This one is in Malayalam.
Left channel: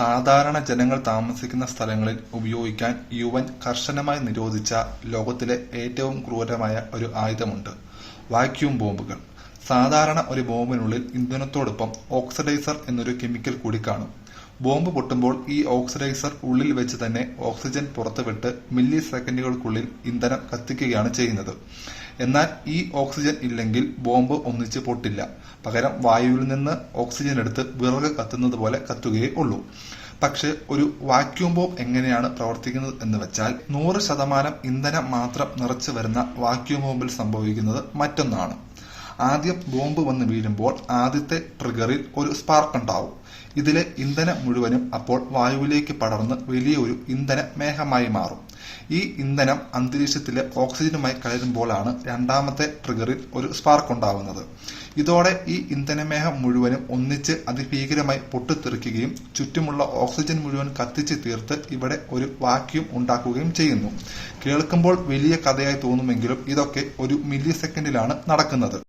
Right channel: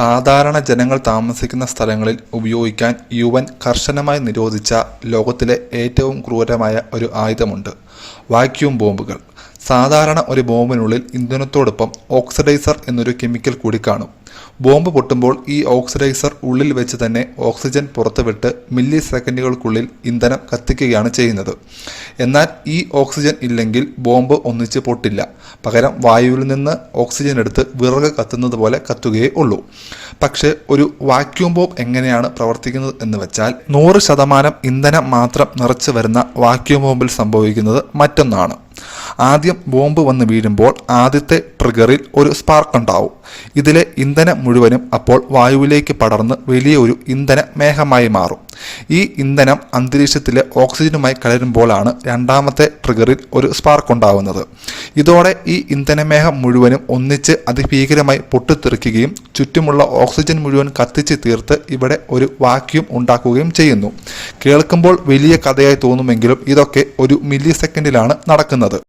സാധാരണ ജനങ്ങൾ താമസിക്കുന്ന സ്ഥലങ്ങളിൽ ഉപയോഗിക്കാൻ യുഎൻ കർശനമായി നിരോധിച്ച ലോകത്തിലെ ഏറ്റവും ക്രൂരമായ ഒരു ആയുധമുണ്ട്: വാക്യൂം ബോംബുകൾ. സാധാരണ ഒരു ബോംബിനുള്ളിൽ ഇന്ധനത്തോടൊപ്പം ഓക്സിഡൈസർ എന്നൊരു കെമിക്കൽ കൂടി കാണും. ബോംബ് പൊട്ടുമ്പോൾ ഈ ഓക്സിഡൈസർ ഉള്ളിൽ വെച്ച് തന്നെ ഓക്സിജൻ പുറത്തുവിട്ട് മില്ലി സെക്കൻഡുകൾക്കുള്ളിൽ ഇന്ധനം കത്തിക്കുകയാണ് ചെയ്യുന്നത്. എന്നാൽ ഈ ഓക്സിജൻ ഇല്ലെങ്കിൽ ബോംബ് ഒന്നിച്ച് പൊട്ടില്ല. പകരം വായുവിൽ നിന്ന് ഓക്സിജൻ എടുത്ത് വിറക് കത്തുന്നത് പോലെ കത്തുകയേ ഉള്ളൂ. പക്ഷേ ഒരു വാക്യൂം ബോംബ് എങ്ങനെയാണ് പ്രവർത്തിക്കുന്നത് എന്ന് വെച്ചാൽ 100% ഇന്ധനം മാത്രം നിറച്ചു വരുന്ന വാക്യൂം ബോംബിൽ സംഭവിക്കുന്നത് മറ്റൊന്നാണ്. ആദ്യം ബോംബ് വന്ന് വീഴുമ്പോൾ ആദ്യത്തെ ട്രിഗറിൽ ഒരു സ്പാർക്ക് ഉണ്ടാവും. ഇതിലെ ഇന്ധനം മുഴുവനും അപ്പോൾ വായുവിലേക്ക് പടർന്ന് വലിയൊരു ഇന്ധന മേഘമായി മാറും. ഈ ഇന്ധനം അന്തരീക്ഷത്തിലെ ഓക്സിജനുമായി കലരുമ്പോഴാണ് രണ്ടാമത്തെ ട്രിഗറിൽ ഒരു സ്പാർക്ക് ഉണ്ടാവുന്നത്. ഇതോടെ ഈ ഇന്ധനമേഘം മുഴുവനും ഒന്നിച്ച് അതിഭീകരമായി പൊട്ടിത്തെറിക്കുകയും ചുറ്റുമുള്ള ഓക്സിജൻ മുഴുവൻ കത്തിച്ച് തീർത്ത് ഇവിടെ ഒരു വാക്യൂം ഉണ്ടാക്കുകയും ചെയ്യുന്നു. കേൾക്കുമ്പോൾ വലിയ കഥയായി തോന്നുമെങ്കിലും ഇതൊക്കെ ഒരു മില്ലി സെക്കൻഡിലാണ് നടക്കുന്നത്.